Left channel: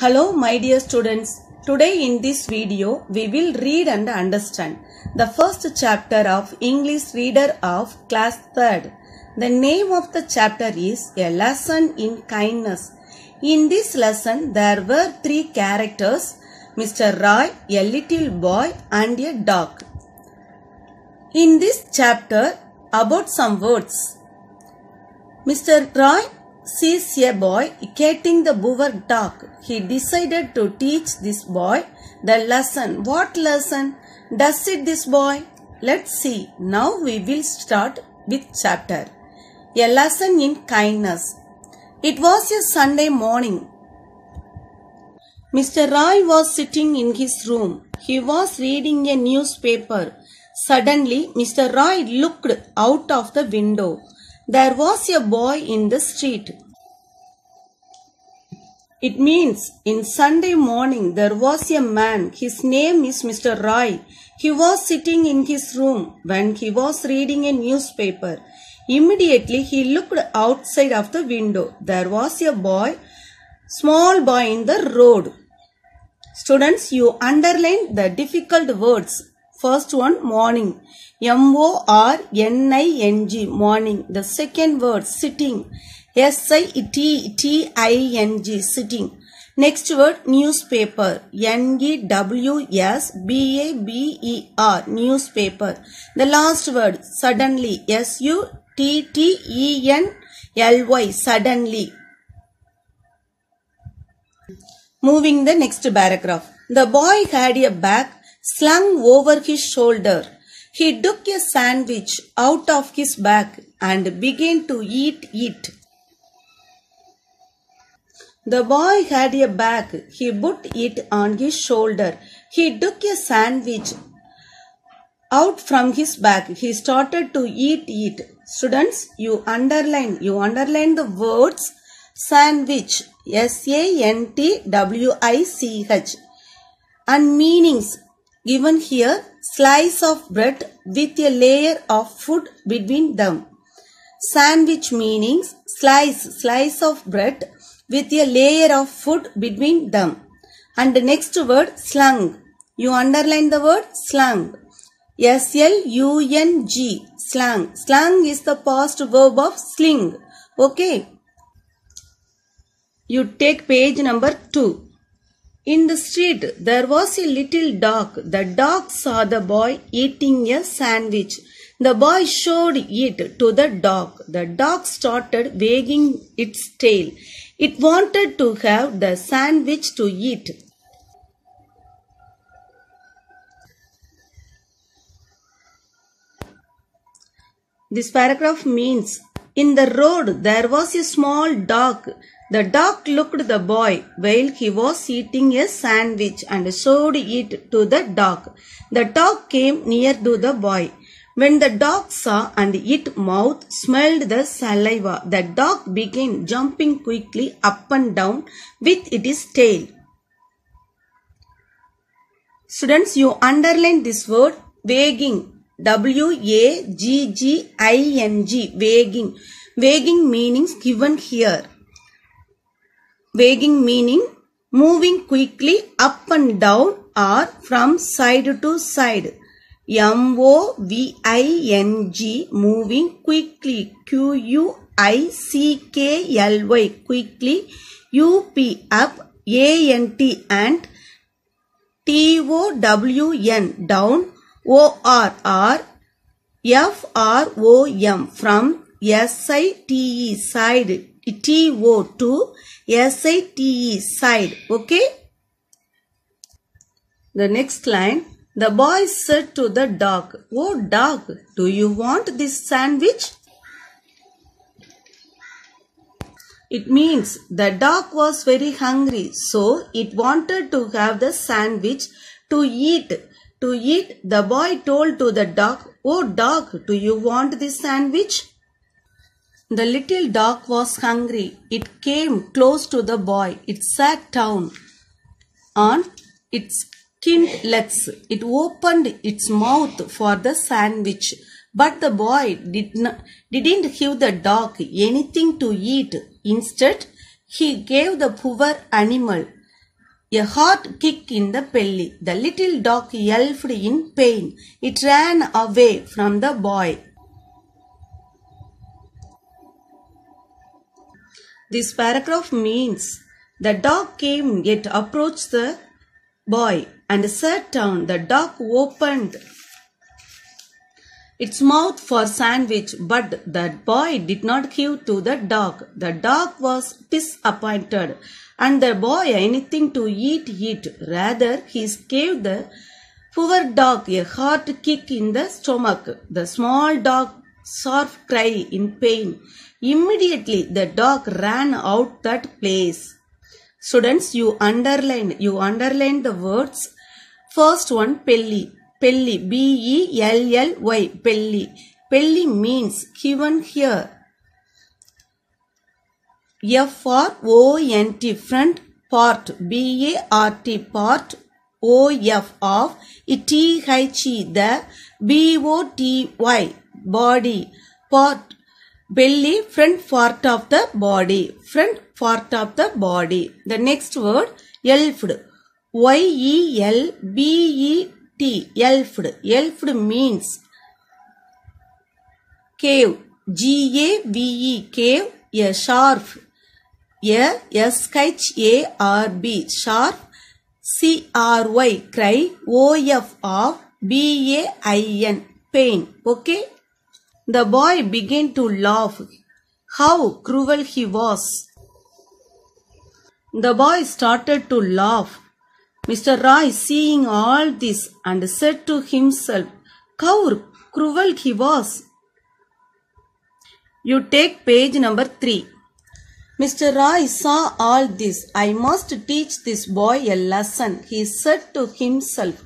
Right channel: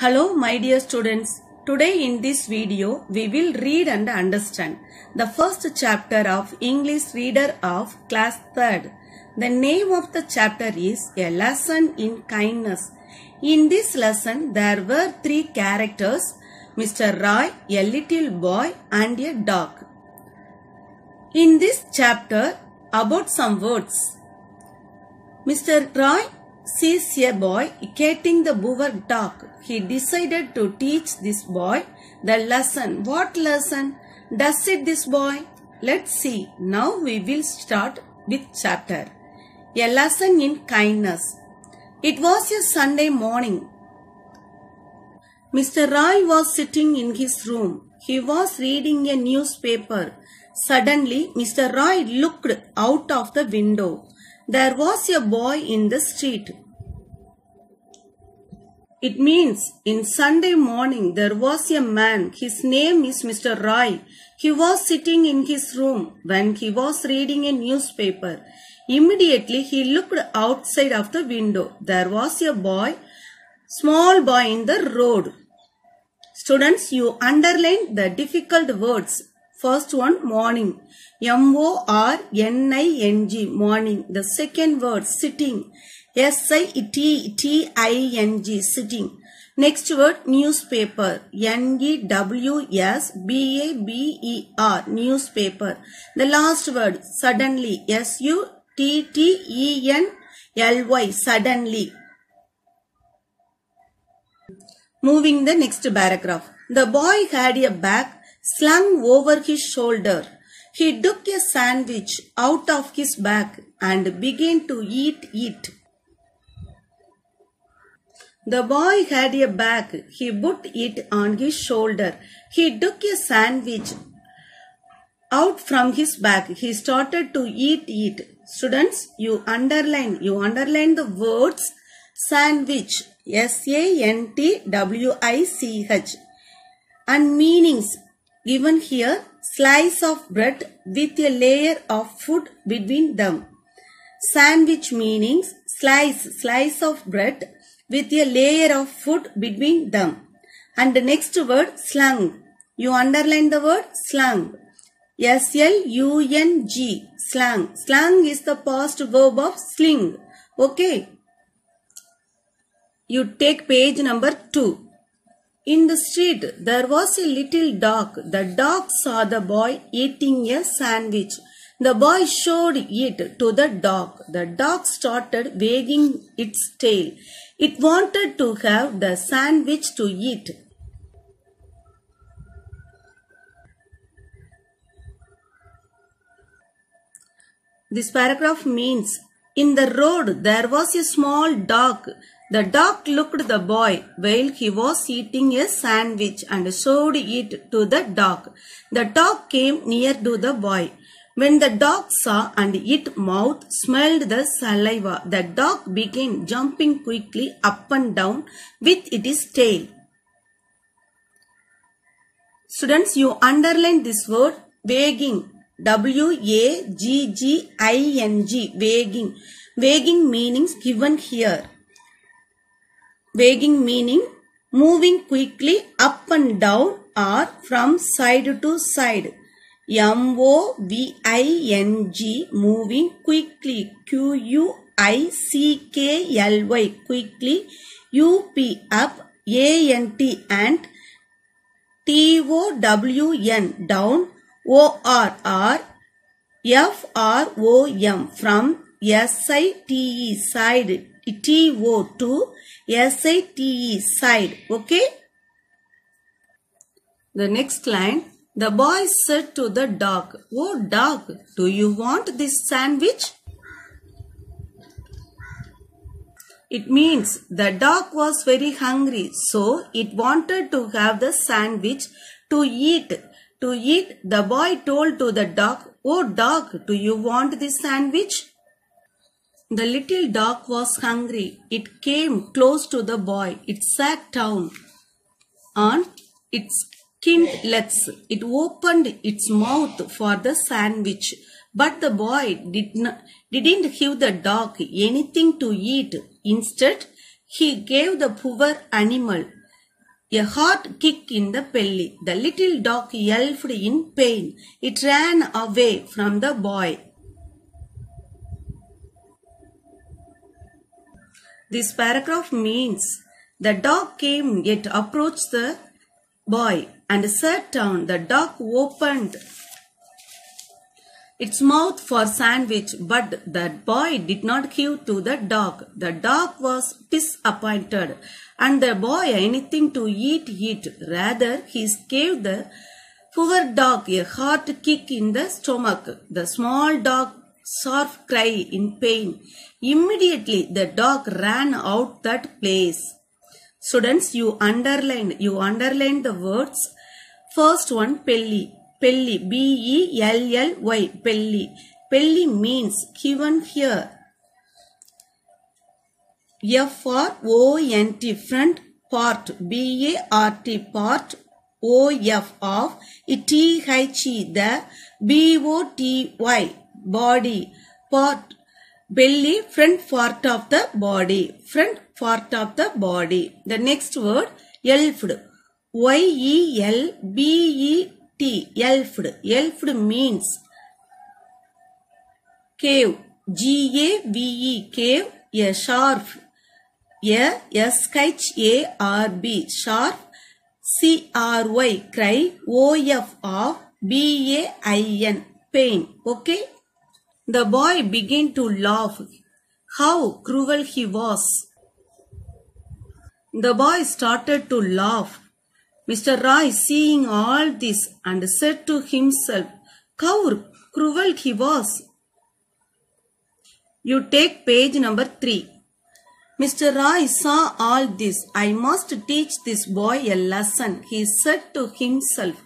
Hello my dear students. Today in this video we will read and understand the first chapter of English Reader of class 3rd. The name of the chapter is A Lesson in Kindness. In this lesson there were three characters, Mr. Roy, a little boy and a dog. In this chapter about some words. Mr. Roy sees a boy catching the boer dog. He decided to teach this boy the lesson. What lesson does it this boy? Let's see. Now we will start with chapter. A lesson in kindness. It was a Sunday morning. Mr. Roy was sitting in his room. He was reading a newspaper. Suddenly, Mr. Roy looked out of the window. There was a boy in the street. It means in Sunday morning there was a man. His name is Mr. Roy. He was sitting in his room when he was reading a newspaper. Immediately he looked outside of the window. There was a boy, small boy in the road. Students, you underline the difficult words. First one, morning. M-O-R-N-I-N-G, morning. The second word, sitting. S-I-T-T-I-N-G, sitting. Next word, newspaper. N-E-W-S-B-A-B-E-R, newspaper. The last word, suddenly. S-U-T-T-E-N-L-Y, suddenly. Moving the next paragraph. The boy had a bag slung over his shoulder. He took a sandwich out of his bag and began to eat it. The boy had a bag. He put it on his shoulder. He took a sandwich out from his bag. He started to eat it. Students, you underline the words sandwich, S-A-N-T-W-I-C-H, and meanings given here. Slice of bread with a layer of food between them. Sandwich meanings slice of bread with a layer of food between them. And the next word, slung. You underline the word slung. S-L-U-N-G, slung. Slung is the past verb of sling. Okay. You take page number 2. In the street, there was a little dog. The dog saw the boy eating a sandwich. The boy showed it to the dog. The dog started wagging its tail. It wanted to have the sandwich to eat. This paragraph means, in the road there was a small dog. The dog looked at the boy while he was eating a sandwich and showed it to the dog. The dog came near to the boy. When the dog saw and its mouth smelled the saliva, the dog began jumping quickly up and down with its tail. Students, you underline this word wagging. W-A-G-G-I-N-G, wagging. Wagging meanings given here. Wagging meaning moving quickly up and down or from side to side. M-O-V-I-N-G, moving quickly. Q-U-I-C-K-L-Y, quickly. U-P, up. A-N-T, and. T-O-W-N, down. O-R-R, F-R-O-M, from. S-I-T-E, side. T-O, to. S-I-T-E, side. Okay. The next line. The boy said to the dog, "Oh dog, do you want this sandwich?" It means the dog was very hungry, so it wanted to have the sandwich to eat. To eat, the boy told to the dog, "Oh dog, do you want this sandwich?" The little dog was hungry. It came close to the boy. It sat down on its hind legs. It opened its mouth for the sandwich, but the boy didn't give the dog anything to eat. Instead, he gave the poor animal a hard kick in the belly. The little dog yelped in pain. It ran away from the boy. This paragraph means the dog came yet approached the boy and sat down. The dog opened its mouth for sandwich, but the boy did not give to the dog. The dog was disappointed, and the boy anything to eat. Rather, he gave the poor dog a hard kick in the stomach. The small dog soft cry in pain. Immediately, the dog ran out that place. Students, you underline the words. First one, pelly. Pelly, B-E-L-L-Y, pelly. Pelly means given here. F-R-O-N-T, front part, B-A-R-T, part, O-F of, T-H-E, the, B-O-T-Y, body, part, belly, front part of the body, front part of the body. The next word, yelped, Y-E-L-B-E-T, yelped. Yelped means cave, G-A-V-E, cave, a sharp, S-H-A-R-B, sharp, C-R-Y, cry, O-F of, B-A-I-N, pain. Okay? The boy began to laugh. How cruel he was. The boy started to laugh. Mr. Roy, seeing all this, and said to himself, how cruel he was. You take page number 3. Mr. Roy saw all this. I must teach this boy a lesson, he said to himself.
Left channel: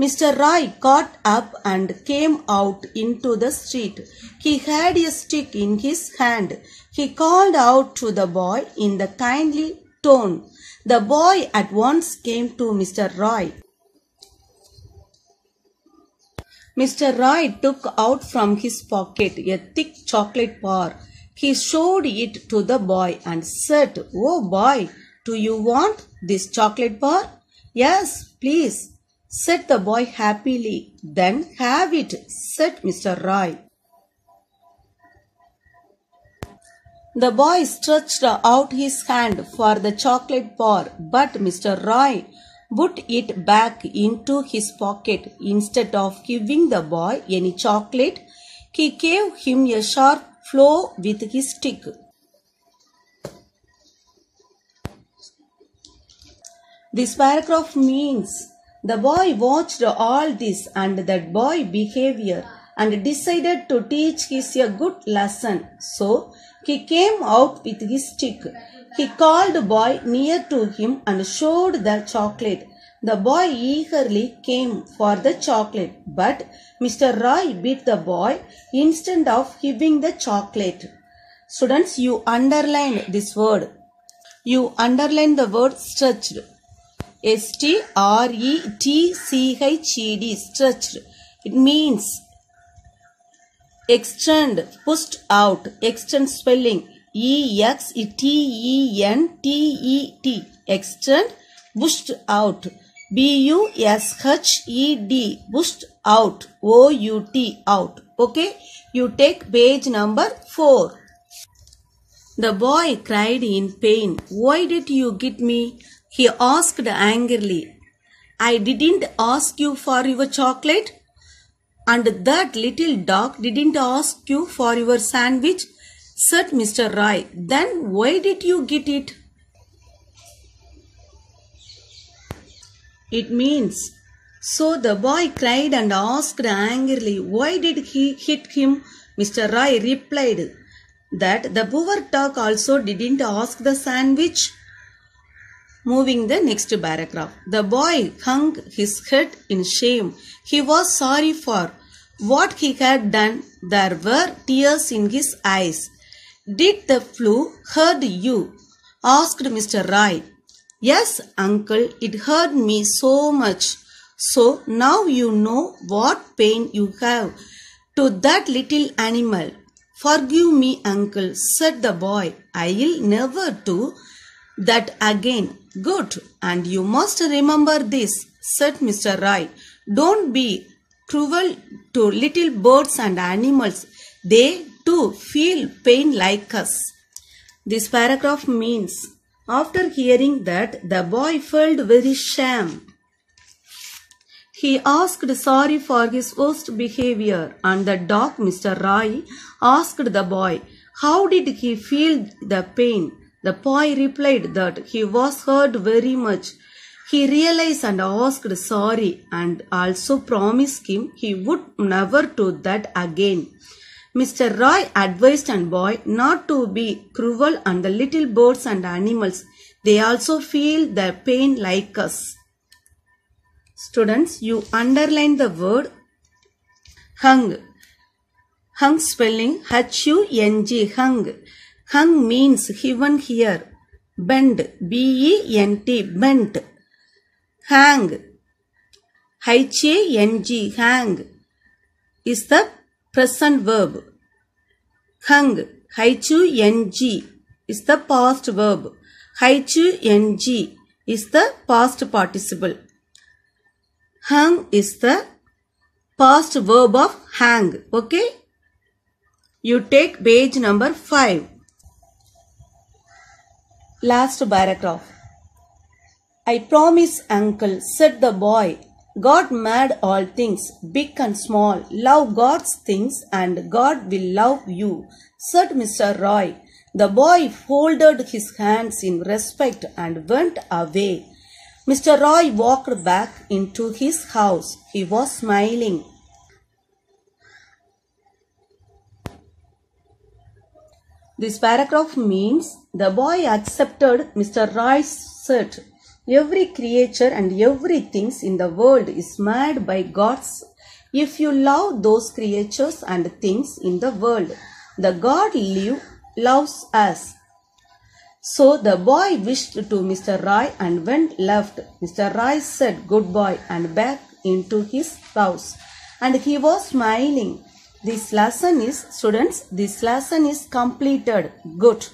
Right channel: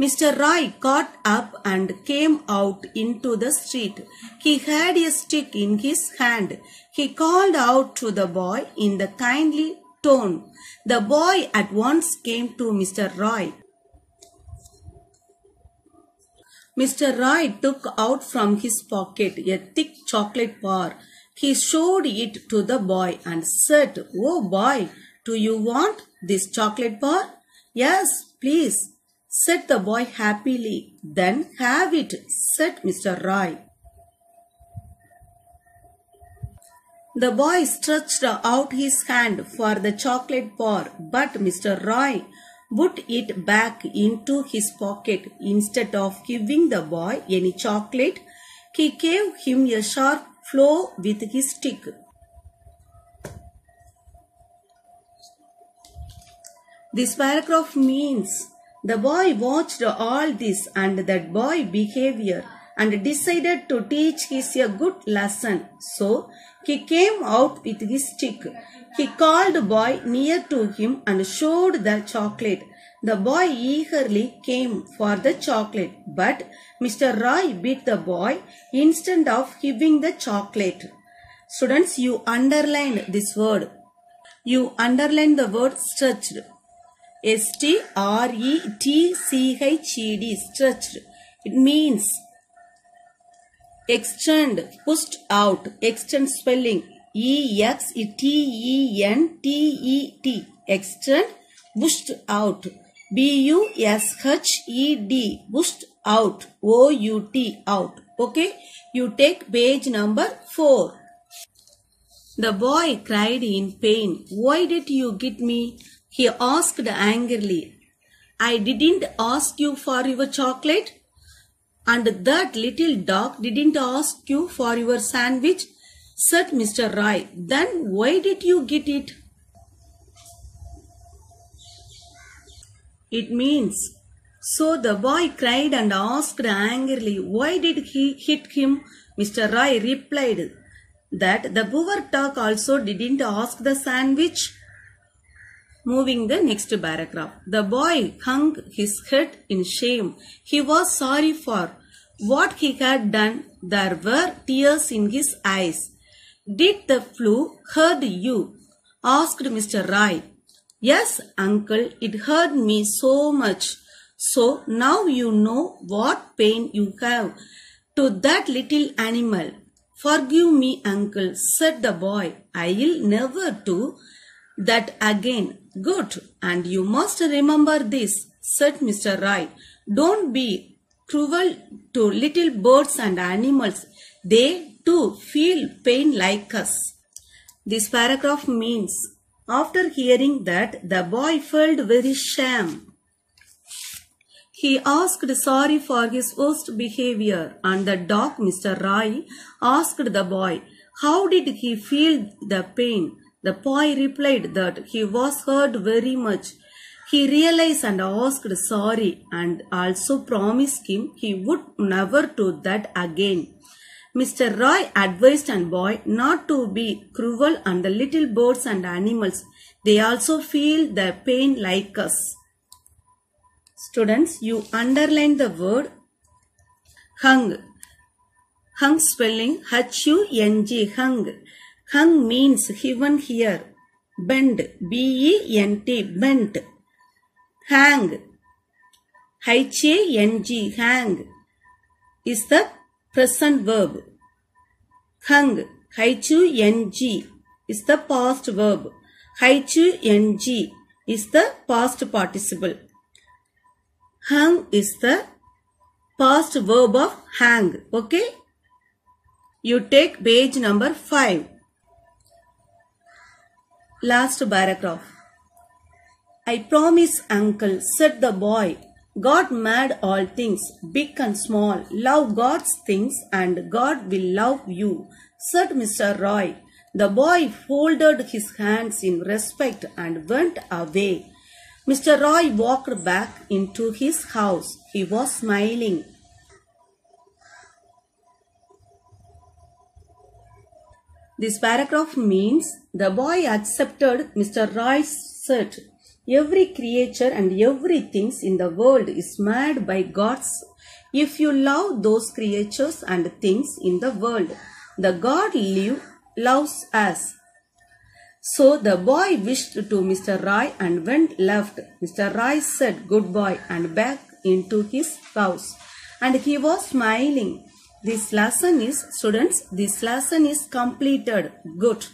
Mr. Roy got up and came out into the street. He had a stick in his hand. He called out to the boy in the kindly tone. The boy at once came to Mr. Roy. Mr. Roy took out from his pocket a thick chocolate bar. He showed it to the boy and said, "Oh boy, do you want this chocolate bar?" "Yes, please," said the boy happily. "Then have it," said Mr. Roy. The boy stretched out his hand for the chocolate bar, but Mr. Roy put it back into his pocket. Instead of giving the boy any chocolate, he gave him a sharp blow with his stick. This paragraph means the boy watched all this and that boy behavior and decided to teach his a good lesson. So he came out with his stick. He called the boy near to him and showed the chocolate. The boy eagerly came for the chocolate, but Mr. Roy beat the boy instead of giving the chocolate. Students, you underline this word. You underline the word stretched. S-T-R-E-T-C-H-E-D, stretched. It means extend, pushed out. Extend spelling E-X-T-E-N-T-E-T. Extend, pushed out. B-U-S-H-E-D, pushed out. O-U-T, out. Okay, you take page number 4. The boy cried in pain. "Why did you get me?" he asked angrily. "I didn't ask you for your chocolate, and that little dog didn't ask you for your sandwich," said Mr. Roy. "Then why did you get it?" It means, so the boy cried and asked angrily, "Why did he hit him?" Mr. Roy replied that the poor dog also didn't ask the sandwich. Moving the next paragraph. The boy hung his head in shame. He was sorry for what he had done. There were tears in his eyes. "Did the flu hurt you?" asked Mr. Roy. "Yes, uncle, it hurt me so much. So now you know what pain you have to that little animal." "Forgive me, uncle," said the boy. "I'll never do that again. Good. And you must remember this, said Mr. Roy. Don't be cruel to little birds and animals. They too feel pain like us. This paragraph means, after hearing that, the boy felt very shame. He asked sorry for his worst behavior, and the dog, Mr. Roy, asked the boy, how did he feel the pain? The boy replied that he was hurt very much. He realized and asked sorry and also promised him he would never do that again. Mr. Roy advised the boy not to be cruel on the little birds and animals. They also feel the pain like us. Students, you underline the word hung. Hung spelling H-U-N-G, hung. Hung means heaven here. Bend, B-E-N-T, bent. Hang, H-A-N-G, hang, is the present verb. Hung, H-U-N-G, is the past verb. H-U-N-G is the past participle. Hung is the past verb of hang. Okay? You take page number 5. Last paragraph. I promise, uncle, said the boy. God made all things, big and small. Love God's things and God will love you, said Mr. Roy. The boy folded his hands in respect and went away. Mr. Roy walked back into his house. He was smiling. This paragraph means the boy accepted Mr. Roy's set. Every creature and everything in the world is made by God's. If you love those creatures and things in the world, the God loves us. So the boy wished to Mr. Roy and went left. Mr. Roy said goodbye and back into his house. And he was smiling. This lesson is, students, this lesson is completed. Good.